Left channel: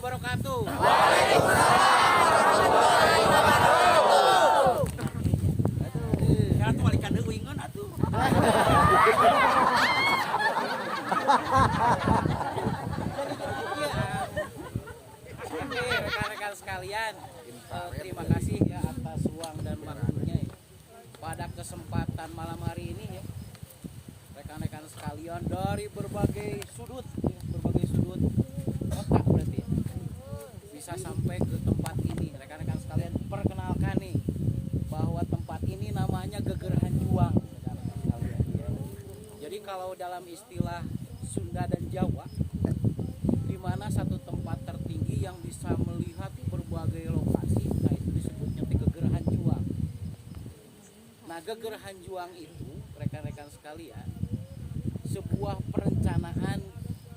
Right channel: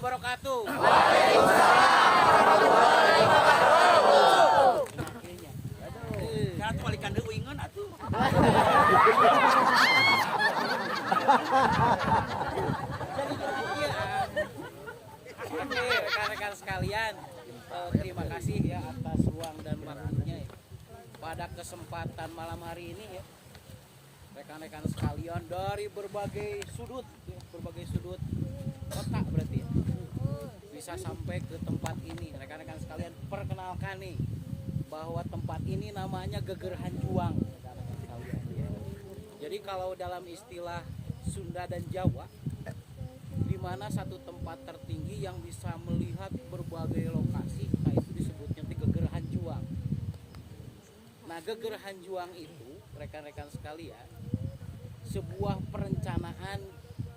wabarakatuh. Atuh balikan deui ngeun atuh. Oke, rekan-rekan sekalian, terima kasih ya atas ruang dan waktunya ya. Pada kesempatan malam hari ini ya, rekan-rekan sekalian dari berbagai sudut kota berarti ya, bisa sampai ke tempat ini. Rekan-rekan sekalian, perkenalkan nih bahwa tempat ini namanya Gegerahan Juang, rekan-rekan sekalian ya. Jadi kalau dalam istilah Sunda dan Jawa, di mana satu tempat tertinggi yang bisa melihat berbagai lokasi, nah itu disebutnya Gegerahan Juang. Nah, Gegerahan Juang itu, rekan-rekan sekalian, sebuah perencanaan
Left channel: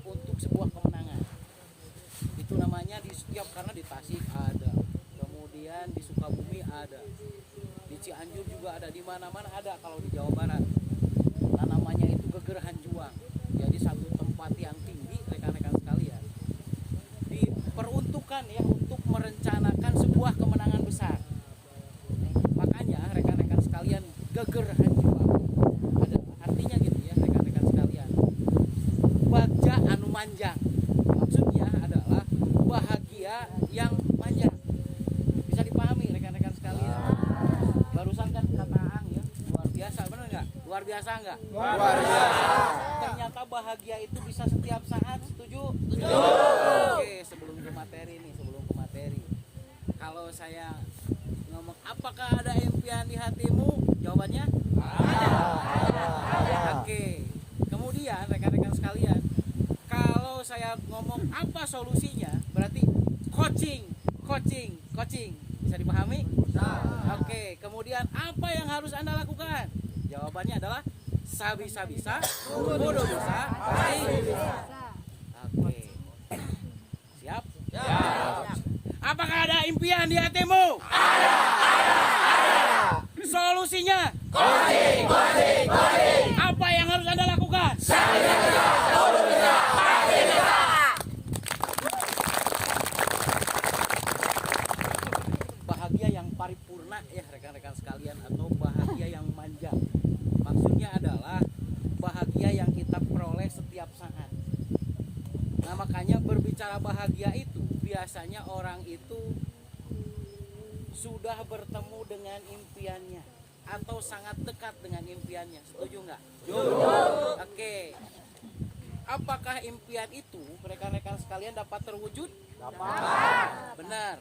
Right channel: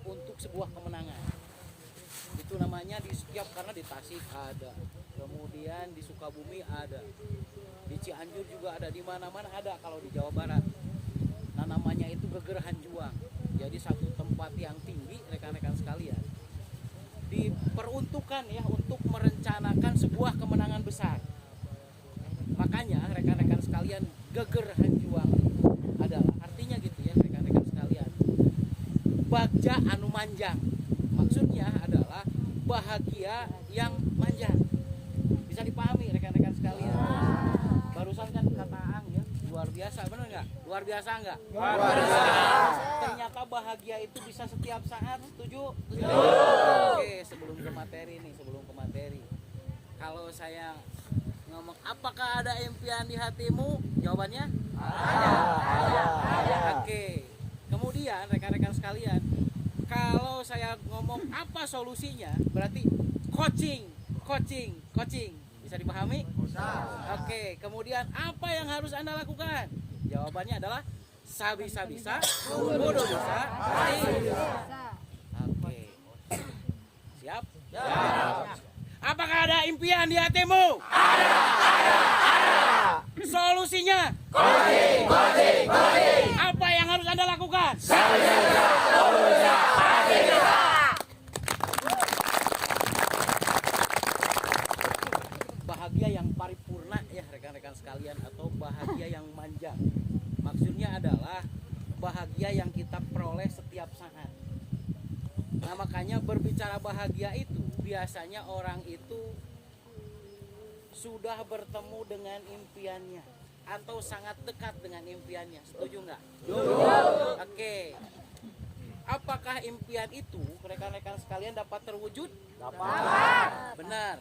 untuk sebuah kemenangan. Itu namanya di setiap, karena di Tasik ada, kemudian di Sukabumi ada, di Cianjur juga ada, di mana-mana ada kalau di Jawa Barat. Nah, namanya itu Gegerahan Juang. Jadi satu tempat yang tinggi, rekan-rekan sekalian, diperuntukkan ya untuk merencanakan sebuah kemenangan besar. Makanya rekan-rekan sekalian, Gegerahan Juang adalah artinya gitu ya rekan-rekan sekalian, bagja anu manjang. Maksudnya adalah bahagia yang manjang. Bisa dipahami rekan-rekan sekalian. Barusan kan kata Aang ya, luar biasa, benar nggak? Luar biasa nggak? Luar biasa. Ternyata bahagia itu bisa setiap saat, setuju? Setuju. Oke, sebelum ke materi. Kalau saya ngomong apakah ada impian di hatimu? Jawabannya ada. Oke. Kemudian rekan-rekan sekalian, kalau saya ngomong apa solusinya, berarti coaching. Bisa dipahami? Oke. Kemudian apa yang harus Anda lakukan? Jawabannya adalah bisa, bodoh bisa, Oke. Siap? Apakah ada impian di hatimu? Ada. Solusinya? Coaching. Apa yang harus Anda lakukan? Bahagia yang paripurna ya rekan-rekan sekalian, atau bahagia yang manja. Maksudnya adalah bahagia yang kita peroleh setiap saat. Nah, makanya berbicara bahagia itu, biasanya orang itu sudah bertemu dengan impiannya atau sangat dekat dengan impiannya. Setuju nggak? Oke. Apakah impian itu rekan-rekan sekalian dapat terwujud? Benar.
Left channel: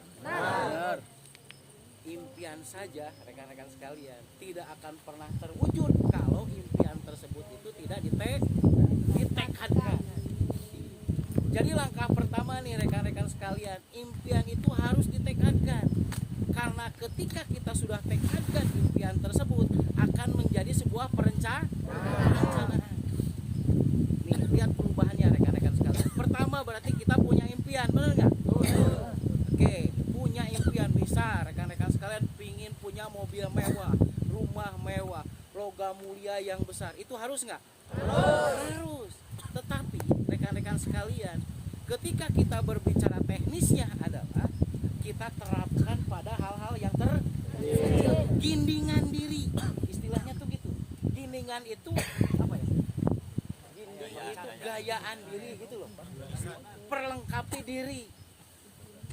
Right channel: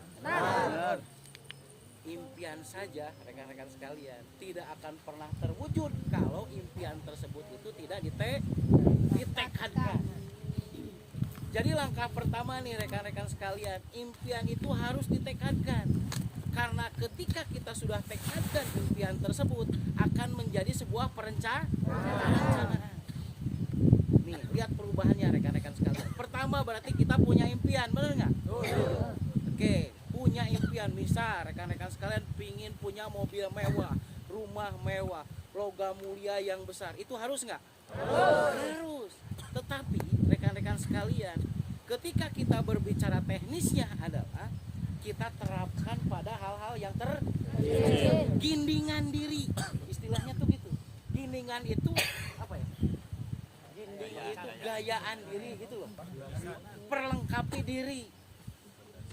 Impian saja rekan-rekan sekalian tidak akan pernah terwujud kalau impian tersebut itu tidak ditekadkan. Jadi langkah pertama nih rekan-rekan sekalian, impian itu harus ditekadkan. Karena ketika kita sudah tekadkan impian tersebut, akan menjadi sebuah perencanaan. Nih, lihat perubahannya rekan-rekan sekalian. Pertama berarti kita punya impian, benar nggak? Oke, punya impian. Misal rekan-rekan sekalian pingin punya mobil mewah, rumah mewah, logam mulia yang besar. Itu harus nggak? Harus. Tetapi rekan-rekan sekalian, ketika kita berbicara teknisnya adalah kita terapkan pada hal-hal yang gindingan diri. Istilahnya tuh gitu. Gindingan itu apa ya? Ginding itu gayaan diri gitu loh. Perlengkapi diri.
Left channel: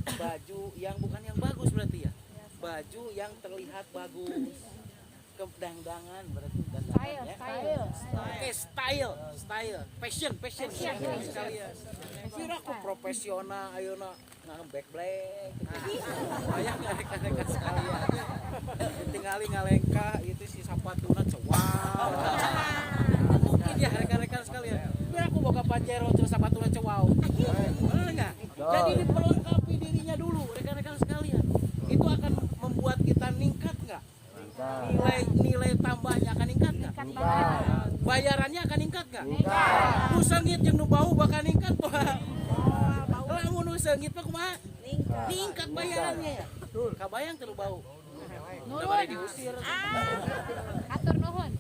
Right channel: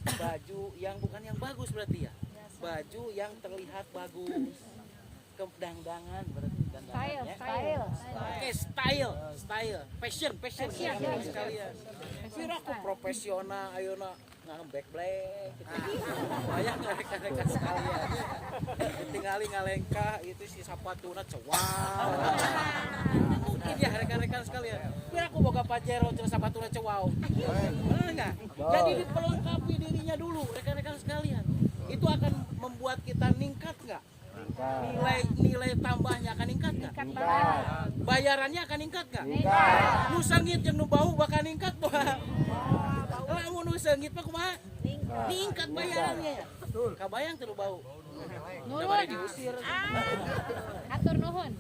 Baju yang bukan yang bagus berarti ya. Baju yang terlihat bagus. Kedangdangan berarti dandangan ya. Oke, style. Fashion sekalian. Kira aku profesional ayeuna ngamback black gitu. Banyak rekan-rekan sekalian. Tinggali ngalengka itu si sapatuna cewau. Mungkin ya rekan-rekan sekalian. Biar aku boga pajero jeung sapatuna cewau. Benar enggak? Jadi diperlengkapi dirinya dulu rekan-rekan sekalian. Itu akan membuat kita ningkat enggak? Nilai tambahnya akan ningkat nggak? Bayarannya akan ningkat nggak? Nu seungit jeung nu bau bakal ningkat bah. Lamun nu seungit mah kumaha? Ningkat bayarannya ya. Kabayang teu bau. Udah bari diusir. Hatur nuhun.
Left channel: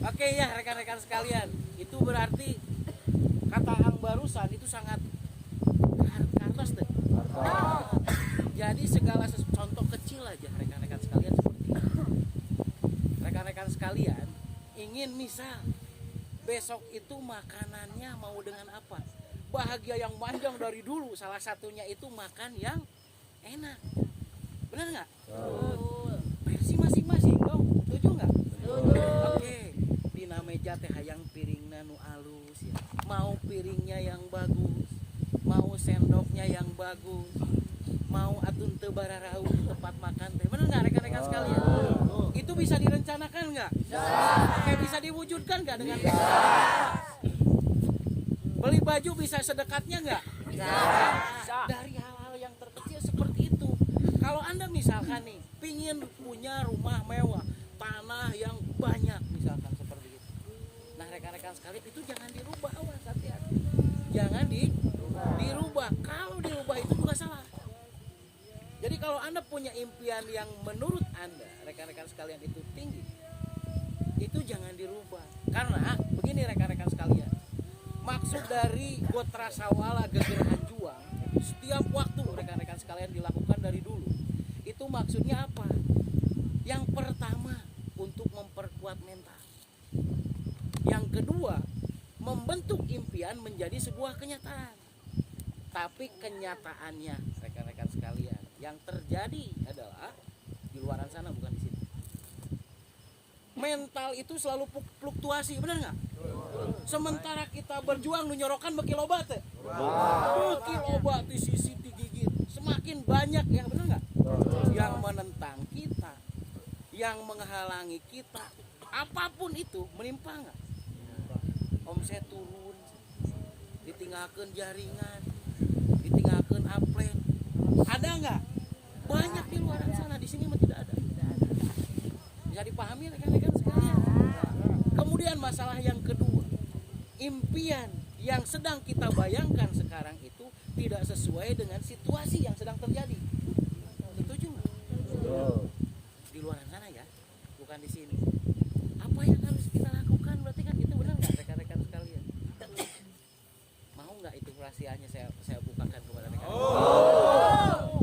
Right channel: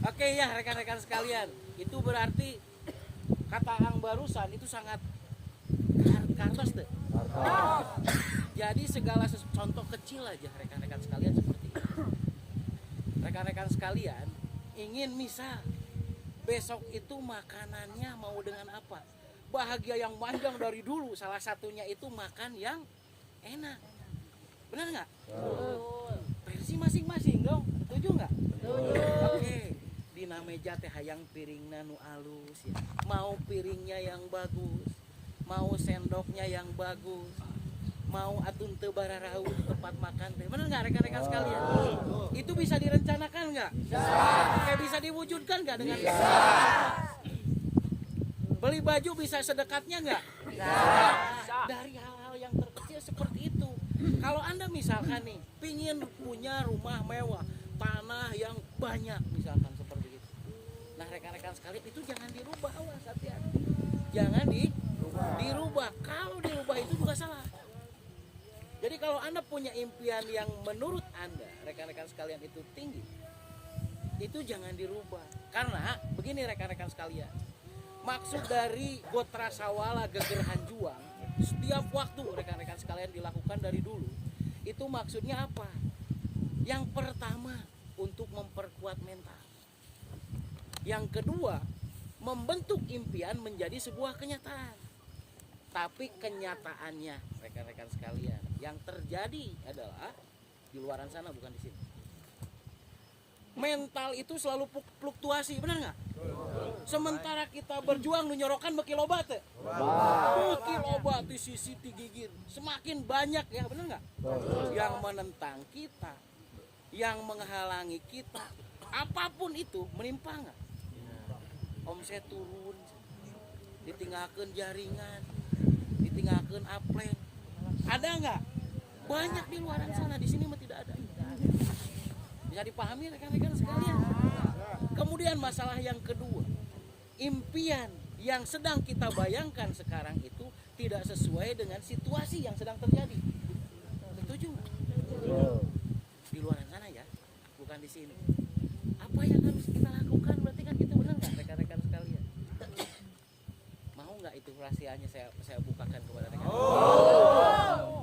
Oke ya rekan-rekan sekalian, itu berarti kata Ang barusan itu sangat Kartos tuh. Jadi segala contoh kecil aja rekan-rekan sekalian seperti ini. Rekan-rekan sekalian ingin misal besok itu makanannya mau dengan apa? Bahagia yang panjang dari dulu, salah satunya itu makan yang enak. Benar nggak? Versi masing-masing dong, setuju nggak? Oke, dina meja teh hayang piringna nu alus ya. Mau piringnya yang bagus, mau sendoknya yang bagus, mau atun teu bararau di tempat makan teh. Benar nggak rekan-rekan sekalian? Itu bisa direncanakan nggak? Kayak bisa diwujudkan nggak dengan beli baju bisa sedekatnya nggak? Dari hal-hal yang terkecil seperti itu. Kalau Anda misalkan nih pingin punya rumah mewah, tanah yang banyak misalkan seperti itu. Nah rekan-rekan sekalian itu jangan dirubah, awas hati-hati. Jangan dirubah. Kalau dirubah itu juga salah. Jadi kalau Anda punya impian yang menurut Anda rekan-rekan sekalian itu tinggi, itu jangan dirubah. Karena begini rekan-rekan sekalian, maksud dari Gotra Sawala Gegerahan Juang setiap waktu rekan-rekan sekalian dilakukan dari dulu, itu maksudnya apa? Yang pertama untuk memperkuat mental, yang kedua membentuk impian menjadi sebuah kenyataan. Tapi kenyataannya rekan-rekan sekalian yang terjadi adalah di luaran sana, bukan di sini. Mental itu selalu fluktuasi, benar nggak? Sementara kita berjuang nyorokan beki loba teh. Beki loba di sisi digigit. Semakin banyak ya, benar nggak? Yang menentang kita, yang menghalangi kita, apapun itu menimpa nggak? Omset turun, ditinggalkan jaringan, ditinggalkan upline. Ada nggak? Banyak di luar sana, di sini mah tidak ada. Bisa dipahami rekan-rekan sekalian. Kemudian masalah yang kedua, impian yang sedang kita bayangkan sekarang itu tidak sesuai dengan situasi yang sedang terjadi. Setuju nggak? Di luar sana ya, bukan di sini. Apa yang harus kita lakukan? Berarti kan itu benar nggak rekan-rekan sekalian? Mau nggak itu rahasianya saya bukakan kepada rekan-rekan?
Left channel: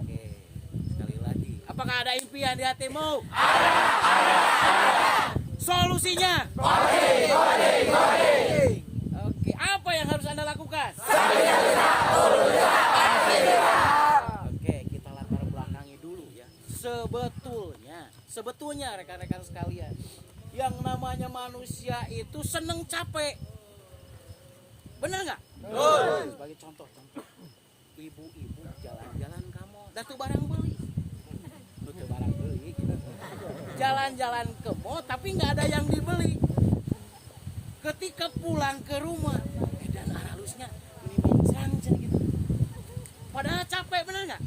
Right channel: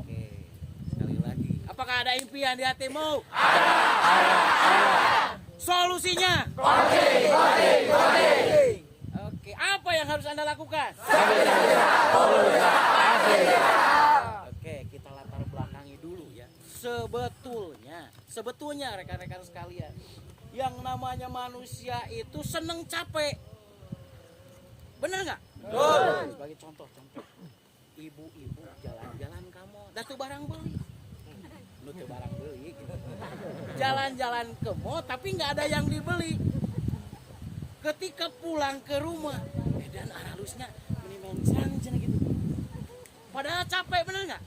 Oke, sekali lagi. Apakah ada impian di hatimu? Ada. Solusinya? Oke, apa yang harus Anda lakukan? Oke, kita latar belakangi dulu ya. Sebetulnya rekan-rekan sekalian, yang namanya manusia itu seneng capek. Benar nggak? Sebagai contoh, ibu-ibu jalan-jalan kamu, dah tuh barang beli. Lu tuh barang beli gitu. Jalan-jalan ke mall tapi nggak ada yang dibeli. Ketika pulang ke rumah, dan halusnya minimal sangat gitu. Padahal capek, bener nggak?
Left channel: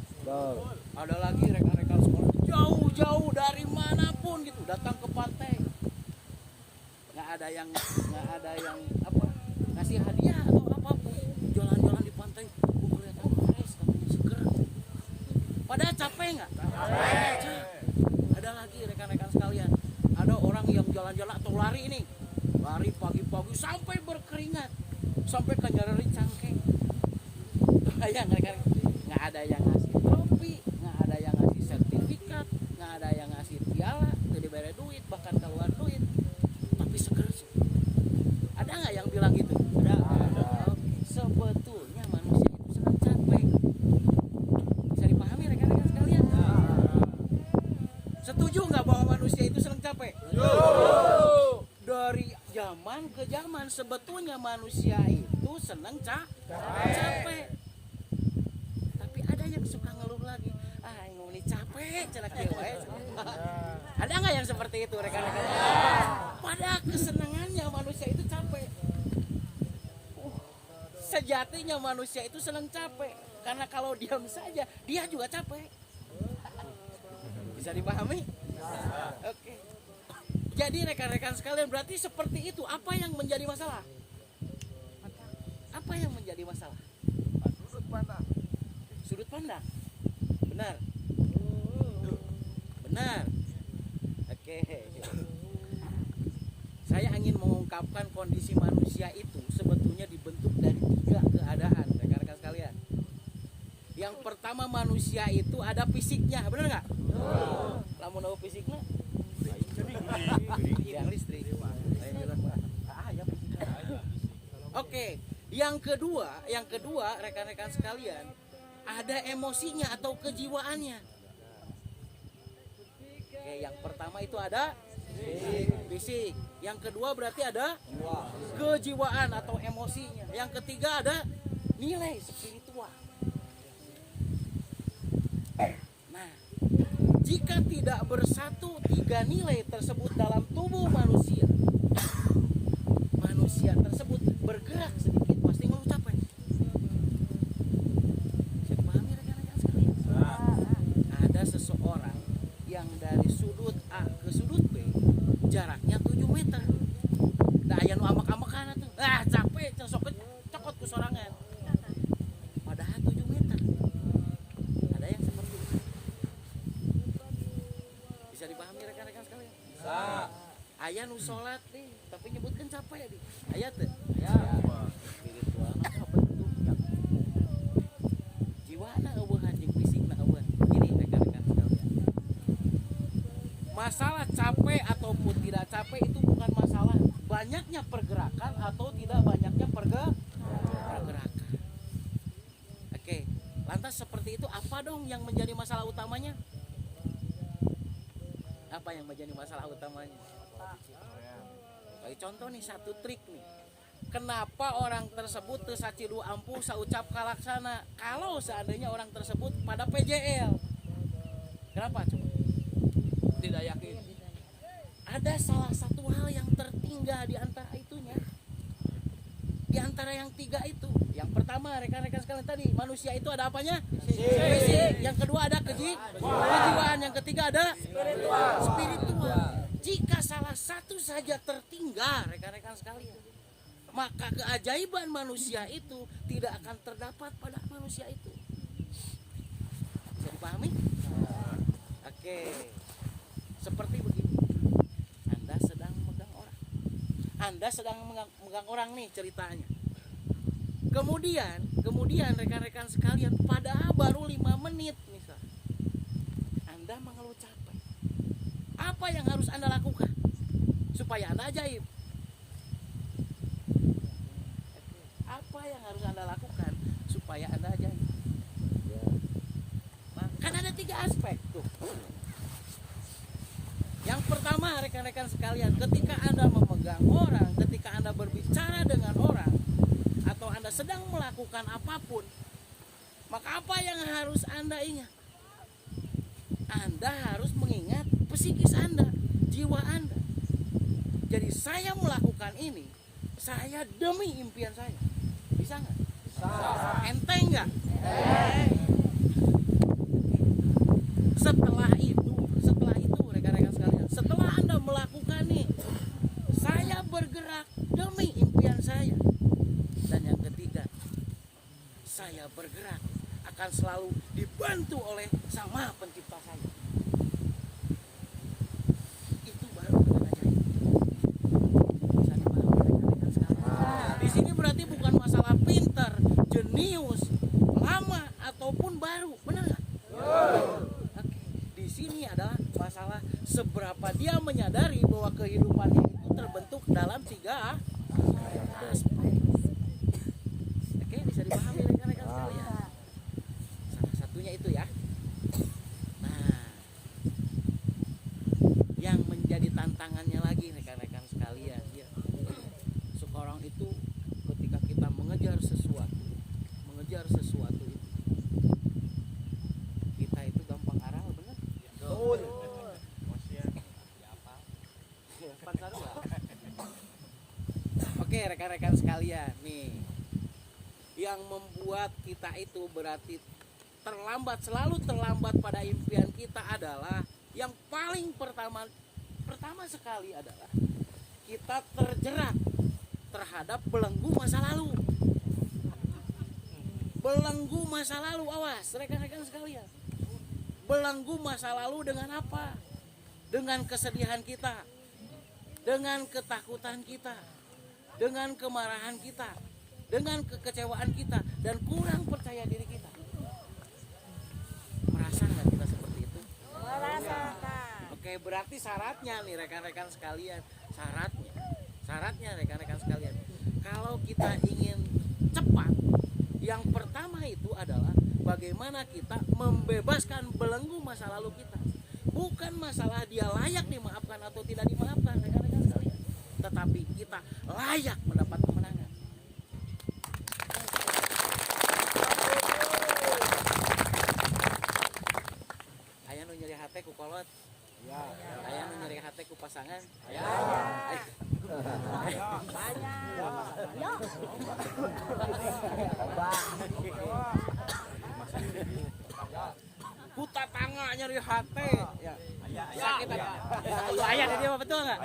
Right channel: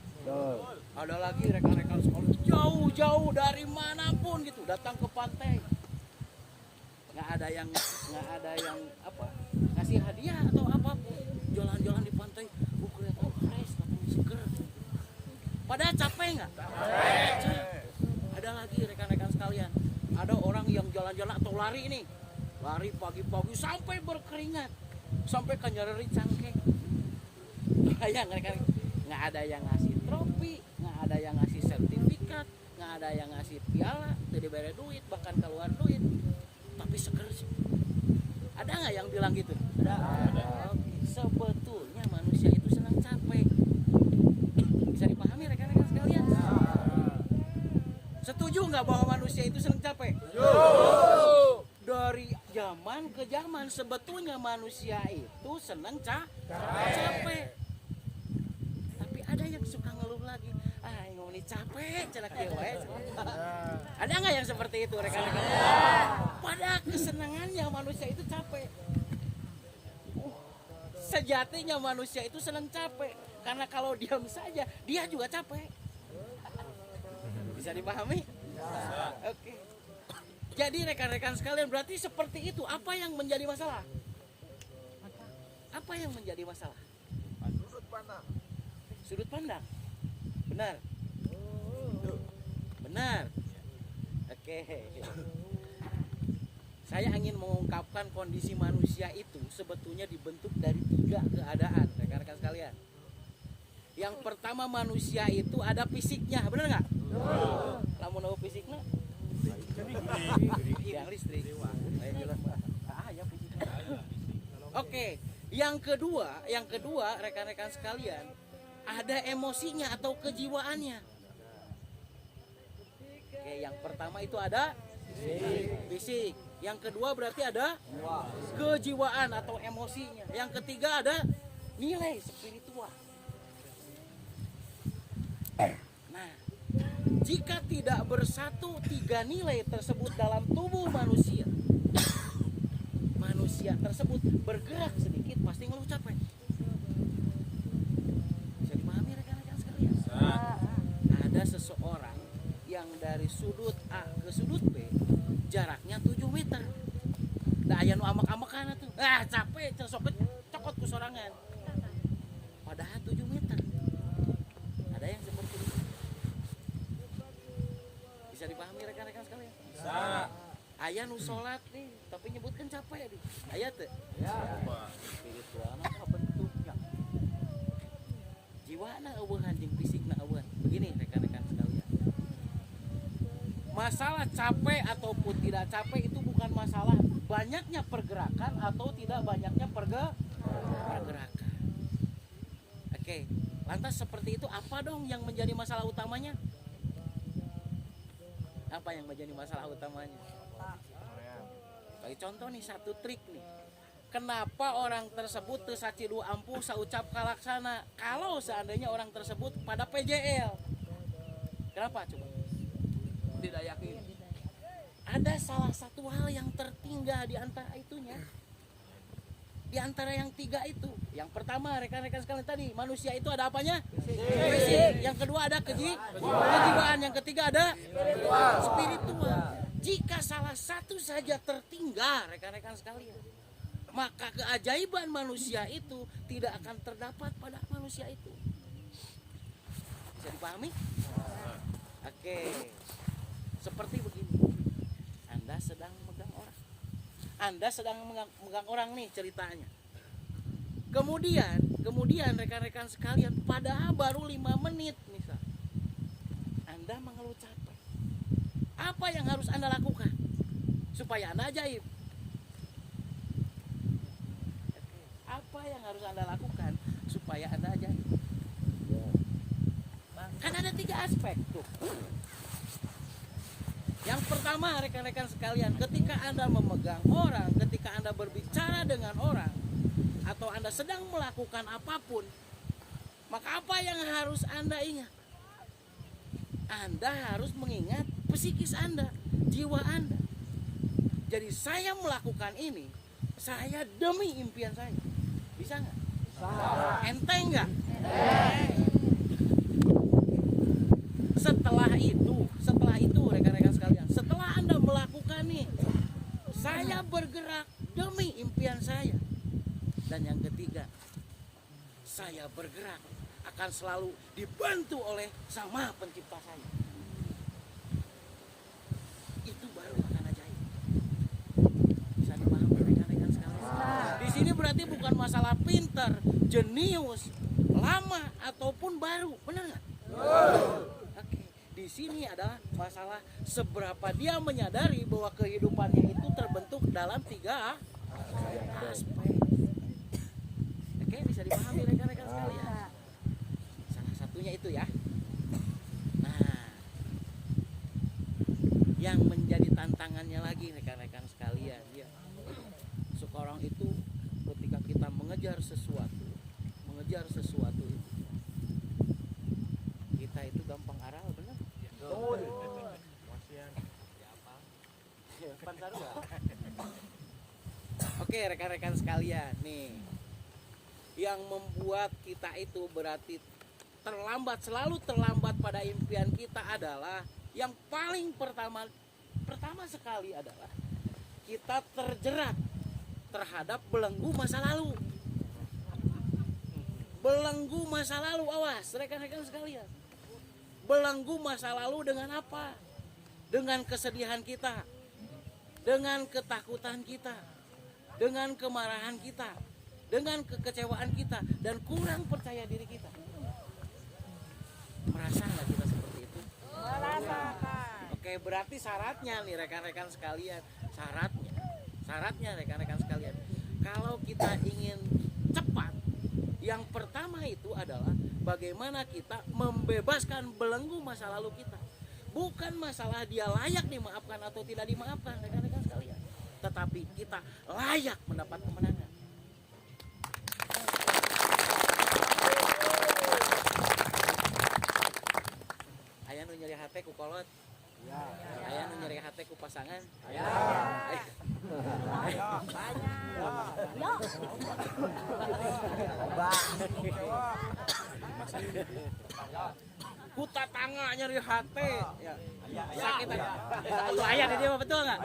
Ada lagi rekan-rekan sekolah jauh-jauh dari manapun gitu datang ke pantai. Nggak ada yang apa ngasih hadiah atau apapun. Jalan-jalan di pantai, kelihatan panas, katanya seger. Padahal capek nggak? Ada lagi rekan-rekan sekalian, ada orang yang jalan-jalan atau lari nih, lari pagi-pagi sampai berkeringat, sampai kenyeri cangkeng. Bayang rekan, nggak ada yang ngasih trofi, nggak ada yang ngasih sertifikat, nggak ada yang ngasih piala, tidak diberi duit, bahkan keluar duit, tapi seger sih. Ada nggak yang bilang gitu? Ada. Sebetulnya manusia itu senang capek. Bisa dipahami rekan-rekan sekalian? Setuju nggak bahwa manusia itu senang capek? Dari zaman ke zaman sebetulnya manusia itu senang capek. Tapi ada yang suka ngeluh lagi. Ini capek, cenak dewa. Ada nggak yang seperti itu rekan-rekan? Pada kesenangannya manusia itu capek. Sejatinya manusia itu senang capek. Karena kalau diam saja, dia juga capek. Bisa dipahami? Oke. Jadi rekan-rekan sekalian, berarti seperti itu. Apa yang menjadi masalah? Apa yang menjadi masalah? Sudut pandang. Benar. Benar. Oke. Saya ingin mengungkapkan kondisi manusia itu sebetulnya dibentuk dari 3 keadaan, rekan-rekan sekalian. Yang pertama manusia itu ada fisiknya, benar nggak? Lamun tahu fisiknya? Yang listrik. Lain jalan mah. Ya fisiknya. Oke, yang kedua rekan-rekan sekalian, ada emosinya atau kejiwaannya. Oke, yang pertama itu ada fisik. Yang kedua berarti ada kejiwaan atau emosinya. Yang ketiga ada nilai spiritual. Nah, jika tidak bersatu tiga nilai tersebut dalam tubuh manusia, manusia tersebut bergerak sedikit pasti ngeluh capek. Bisa dipahami rekan-rekan sekalian? Ada seseorang yang dari sudut A ke sudut B jaraknya 7 meter. Da aya nu amak-amakan atuh. Capek cokot ku sorangan. Padahal 7 meter. Ada yang seperti itu. Bisa dipahami rekan-rekan sekalian? Bisa. Aya nu salat nih, tapi nyebutkan capek di. Aya teh? Ya. Spiritual apa bentuknya? Jiwana eueuhan jeung fisikna eueuhan. Begini rekan-rekan sekalian. Masalah capek ataupun tidak capek itu bukan masalah banyaknya pergerakan atau tidak banyaknya pergerakan. Oke, lantas seperti itu apa dong yang menjadi masalah utamanya? Apa yang menjadi masalah utamanya? Bagi contoh nih, satu trik nih. Kenapa orang tersebut teu sacidu ampuh saucap kalaksana kalau seandainya orang tersebut pada PJL? Kenapa coba? Tidak yakin. Ada salah satu hal yang tertinggal di antara itunya. Di antara yang tiga itu. Yang pertama rekan-rekan sekalian tadi, manusia itu ada apanya? Fisik. Yang kedua ada kejiwaan. Yang ketiga ada spiritual. Jika salah satu saja tertinggal rekan-rekan sekalian, maka keajaiban manusia itu tidak akan terdapat pada manusia itu. Bisa dipahami? Oke. Seperti begini, Anda sedang megang orang nih ceritanya. Kemudian rekan-rekan sekalian, padahal baru 5 menit misal, Anda mengeluh capek. Apa yang harus Anda lakukan supaya Anda ajaib? Apa yang harus Anda lakukan supaya Anda ajaib? Kan ada 3 aspek tuh. Yang pertama rekan-rekan sekalian, ketika Anda memegang orang, ketika Anda berbicara dengan orang, atau Anda sedang melakukan apapun, maka apa yang harus Anda ingat? Anda harus mengingat psikis Anda, jiwa Anda. Jadi saya melakukan ini, saya demi impian saya. Bisa nggak? Bisa. Enteng nggak? Setelah itu rekan-rekan sekalian, setelah Anda melakukan nih, saya bergerak demi impian saya. Dan yang ketiga, saya bergerak akan selalu dibantu oleh Sang Maha Pencipta saya. Itu baru akan ajaib. Bisa dipahami rekan-rekan sekalian? Di sini berarti bukan masalah pinter, jenius, lama ataupun baru, benar nggak? Oke. Di sini adalah masalah seberapa dia menyadari bahwa kehidupannya itu terbentuk dalam 3 aspek. Oke, bisa dipahami rekan-rekan sekalian. Salah satunya itu ya. Nah, yang menjadi tantangannya lagi rekan-rekan sekalian, ya. Sekarang itu ketika kita mengejar sesuatu itu, kita itu gampang aral, benar? Oke rekan-rekan sekalian, nih yang membuat kita itu berarti selalu terlambat pada impian kita adalah yang paling pertama sekali adalah kita terjerat terhadap belenggu masa lalu. Belenggu masa lalu, awas rekan-rekan sekalian. Belenggu masa lalu dengan apa? Dengan kesedihan kita, dengan ketakutan kita, dengan kemarahan kita, dengan kekecewaan kita, dan kurang percaya diri kita. Merasa nggak kita seperti itu? Oke, berarti syaratnya nih rekan-rekan sekalian, syaratnya rekan-rekan sekalian, kalau kita ingin cepat, yang pertama itu adalah bagaimana kita membebaskan belenggu masa lalu kita. Bukan masalah dia layak dimaafkan atau tidak dimaafkan rekan-rekan sekalian, tetapi kita layak mendapat kemenangan. Aya nu nyeri hate ku kolot. Aya nu nyeri hate ku pasangan. Ku tatangga nyeri hate ya. Sakit itu aya di dia betul enggak?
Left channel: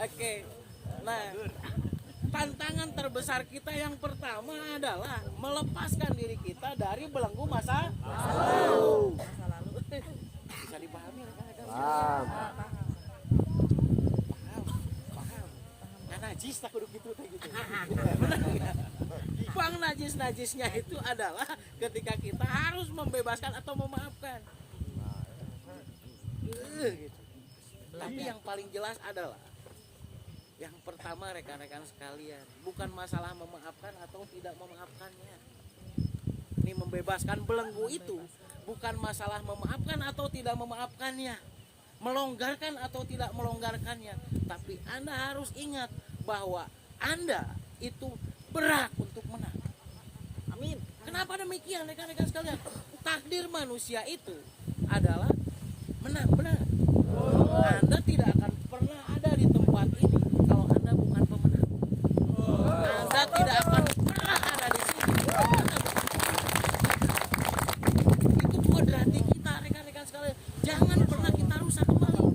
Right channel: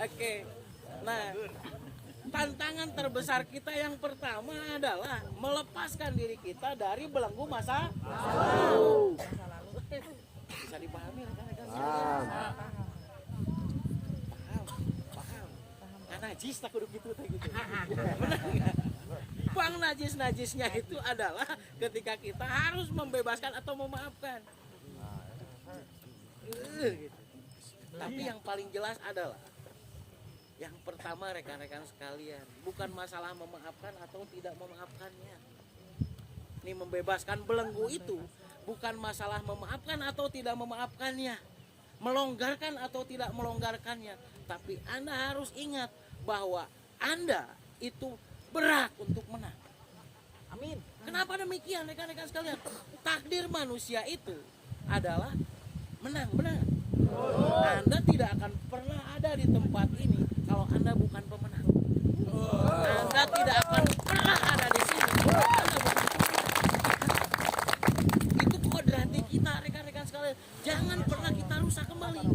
Oke. Nah, tantangan terbesar kita yang pertama adalah melepaskan diri kita dari belenggu masa lalu. Bisa dipahami rekan-rekan? Paham. Nah, najis tak kudu gitu teh gitu. Benar enggak? Bang najisnya itu adalah ketika kita harus membebaskan atau memaafkan. Gitu. Tapi yang paling jelas adalah yang pertama rekan-rekan sekalian, bukan masalah memaafkan atau tidak memaafkannya. Ini membebaskan belenggu itu bukan masalah memaafkan atau tidak memaafkannya, melonggarkan atau tidak melonggarkannya. Tapi Anda harus ingat bahwa Anda itu berhak untuk menang. Amin. Kenapa demikian rekan-rekan sekalian? Takdir manusia itu adalah menang. Anda tidak akan pernah ada di tempat ini kalau Anda bukan pemenang. Anda tidak akan pernah ada di sini kalau Anda bukan pemenang. Itu kodrati kita rekan-rekan sekalian. Jangan pernah kita rusak kembali.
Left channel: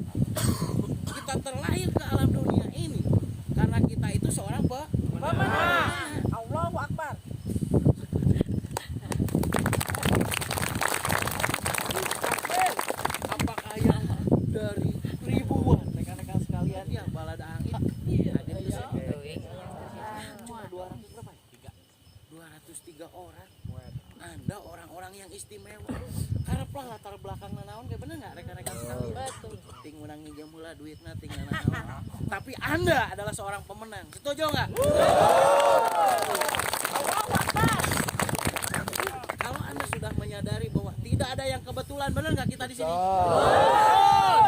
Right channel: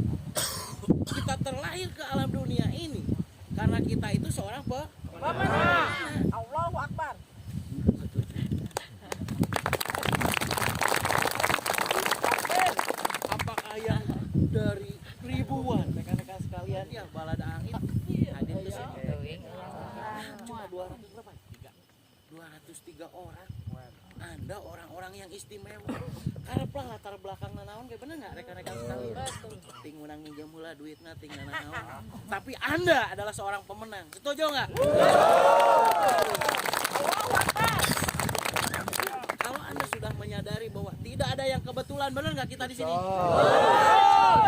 Kita terlahir ke alam dunia ini karena kita itu seorang pemenang. Allahu Akbar. Apakah yang dari ribuan rekan-rekan sekalian ya balada angin hadir ke sini? Cuma 200 berapa ya? 203 orang. Anda orang-orang yang istimewa. Kareplah latar belakang nanaon kayak bener nggak rekan-rekan sekalian? Ting menang nginjem heula duitna ting nanaon. Tapi Anda adalah seorang pemenang. Setuju nggak? Kalau Anda sudah menyadari bahwa tidak ada yang kebetulan, benar nggak kita di sini?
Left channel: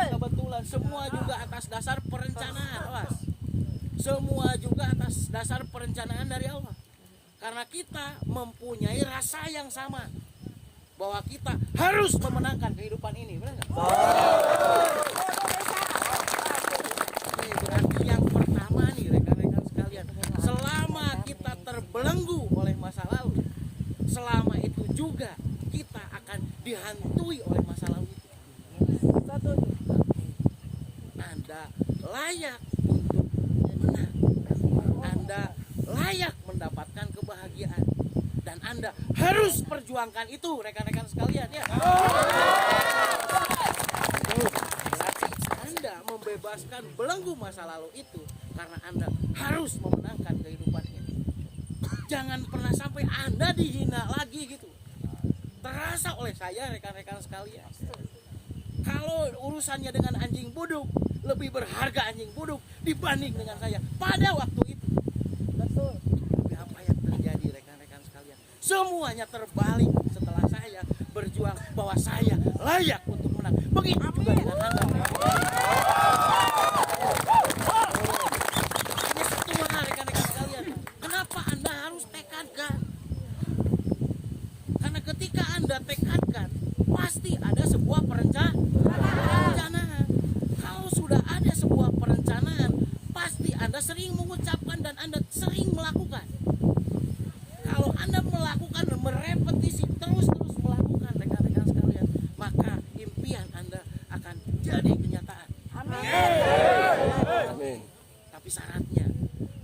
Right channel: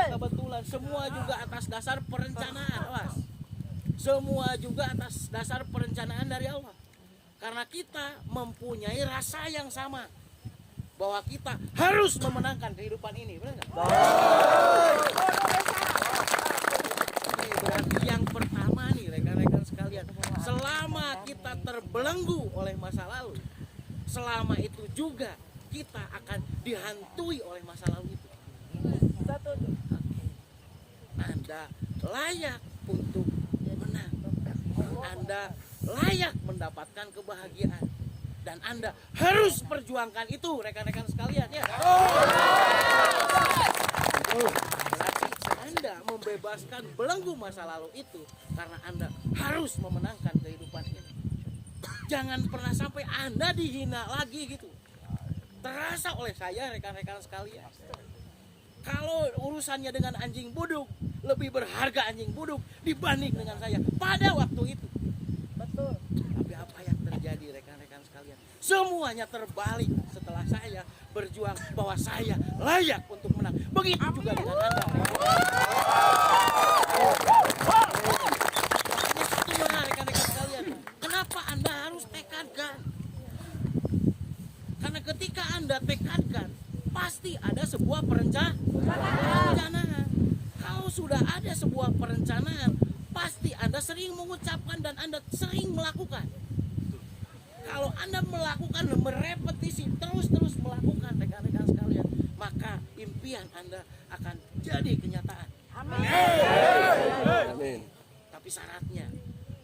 Kebetulan, semua juga atas dasar perencanaan, awas. Semua juga atas dasar perencanaan dari Allah. Karena kita mempunyai rasa yang sama bahwa kita harus memenangkan kehidupan ini, benar nggak? Ini berarti yang pertama nih rekan-rekan sekalian, selama kita terbelenggu oleh masa lalu, selama itu juga kita akan dihantui oleh masa lalu itu. Anda layak untuk menang. Anda layak mendapatkan kebahagiaan. Dan Anda harus perjuangkan itu rekan-rekan sekalian ya. Berarti Anda membebaskan belenggu masa lalu itu karena Anda harus memenangkan kehidupan ini. Jangan pernah sampai Anda dihina lagi gitu. Terasa oleh saya rekan-rekan sekalian. Kalau urusannya dengan anjing buduk, lebih berharga anjing buduk dibanding dengan saya pada waktu itu. Betul. Tapi apa yang terjadi rekan-rekan sekalian? Semuanya terbalik setelah saya berjuang bahwa saya layak untuk menang. Begitu juga dengan Anda. Makanya satu hal rekan-rekan sekalian. Kenapa Anda harus tekadkan? Karena ketika Anda tekadkan, pasti ada sebuah perencanaan. Kalau sudah ada sebuah perencanaan, pasti Anda sering mengucapkan dan Anda sering melakukan. Kalau Anda melakukan, merepetisi, terus melakukan rekan-rekan sekalian, maka impian Anda akan jadi kenyataan. Amin. Tapi syaratnya,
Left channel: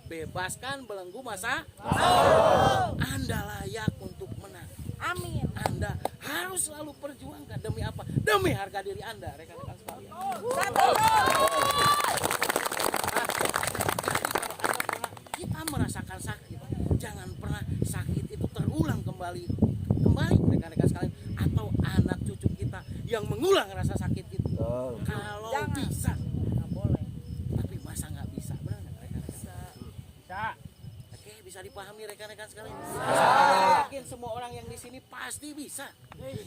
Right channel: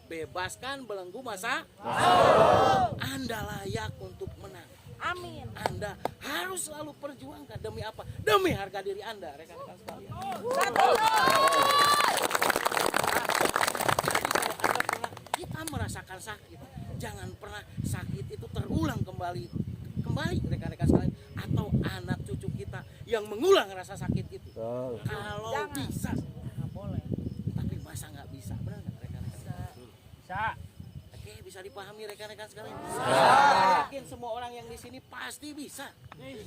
bebaskan belenggu masa lalu. Anda layak untuk menang. Amin. Anda harus selalu perjuangkan demi apa? Demi harga diri Anda, rekan-rekan sekalian. Jadi kalau Anda pernah, kita merasakan sakit, jangan pernah sakit itu terulang kembali rekan-rekan sekalian, atau anak cucu kita yang mengulang rasa sakit itu. Kalau bisa, tapi masa nggak bisa, benar nggak rekan-rekan? Bisa. Oke, bisa dipahami rekan-rekan sekalian. Saya yakin semua orang yang di sini pasti bisa.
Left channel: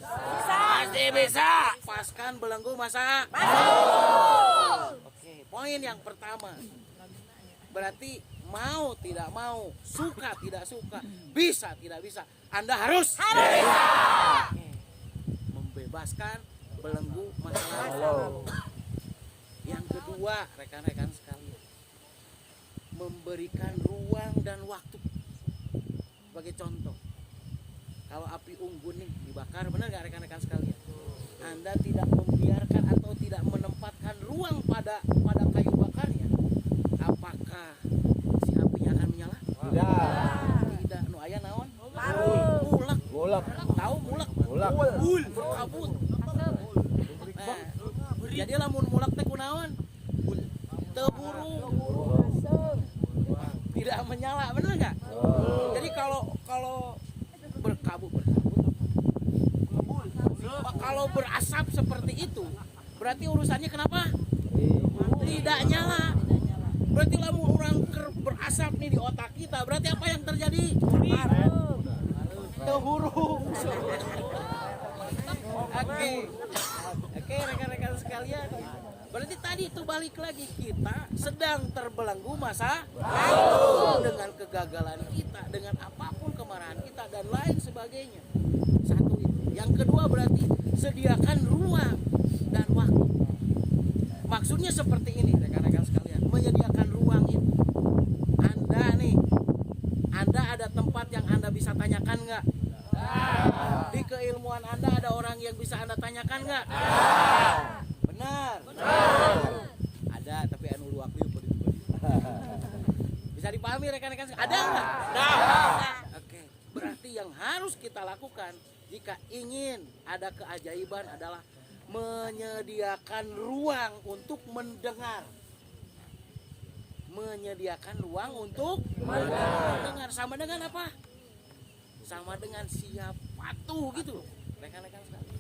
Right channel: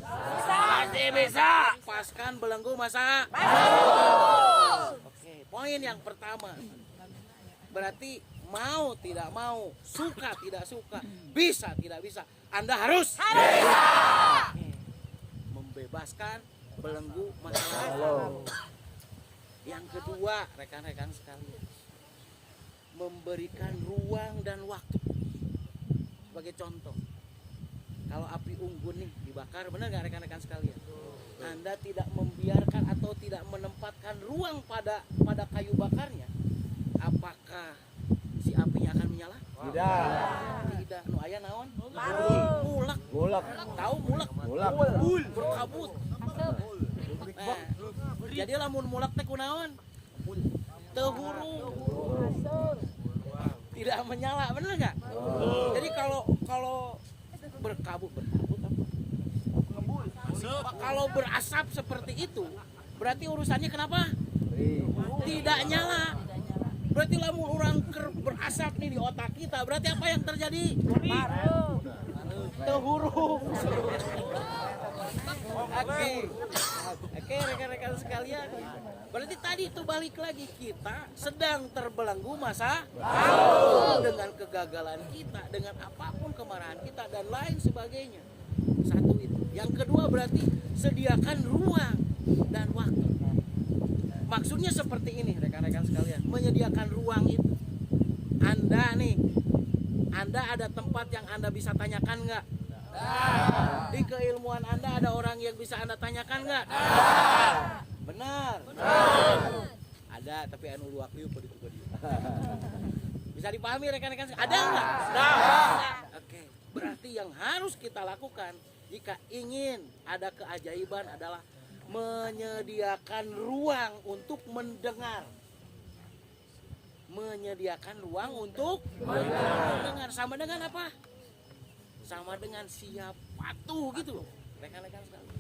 Pasti bisa. Lepaskan belenggu masa. Oke, poin yang pertama. Berarti mau tidak mau, suka tidak suka, bisa tidak bisa, Anda harus Oke. Membebaskan belenggu masa lalu. Yang kedua, rekan-rekan sekalian, memberikan ruang dan waktu. Sebagai contoh, kalau api unggun nih dibakar, benar nggak rekan-rekan sekalian? Anda tidak membiarkan atau tidak menempatkan ruang pada kayu bakarnya, apakah si apinya akan menyala? Tidak. Nu aya naon? Mulak. Tahu mulak? Berkabut. Nah, jadi lamun mulak teh kunaon? Teu hurung. Tidak menyala, benar nggak? Jadi kalau berkabut apa? Kalau berasap seperti itu, berarti urusannya kenapa? Tidak nyala. Berarti lamun orang berasap nih di otak kita, berarti apa yang terjadi? Terhurung. Oke, rekan-rekan sekalian. Berarti tadi itu balik lagi, kita sedang terbelenggu masa lalu dengan kegagalan kita, dengan apapun kemarahan kita dan lain sebagainya. Satu itu. Yang kedua berarti sediakan ruang dan waktu. Maksudnya seperti ini rekan-rekan sekalian, menyediakan ruang itu. Anda ada tempat yang Anda bisa tanyakan nggak? Di keilmuan Anda ada orang yang bisa Anda tanyakan nggak? Benar. Ada, tapi anu luak liu pada itu. Bisa dipahami rekan-rekan? Ada nggak? Oke. Berarti yang harus kita lakukan jika ingin ada keajaiban adalah menyediakan ruang untuk mendengar. Menyediakan ruang untuk mendengar. Sama dengan apa? Sama dengan siap patuh gitu, rekan-rekan sekalian.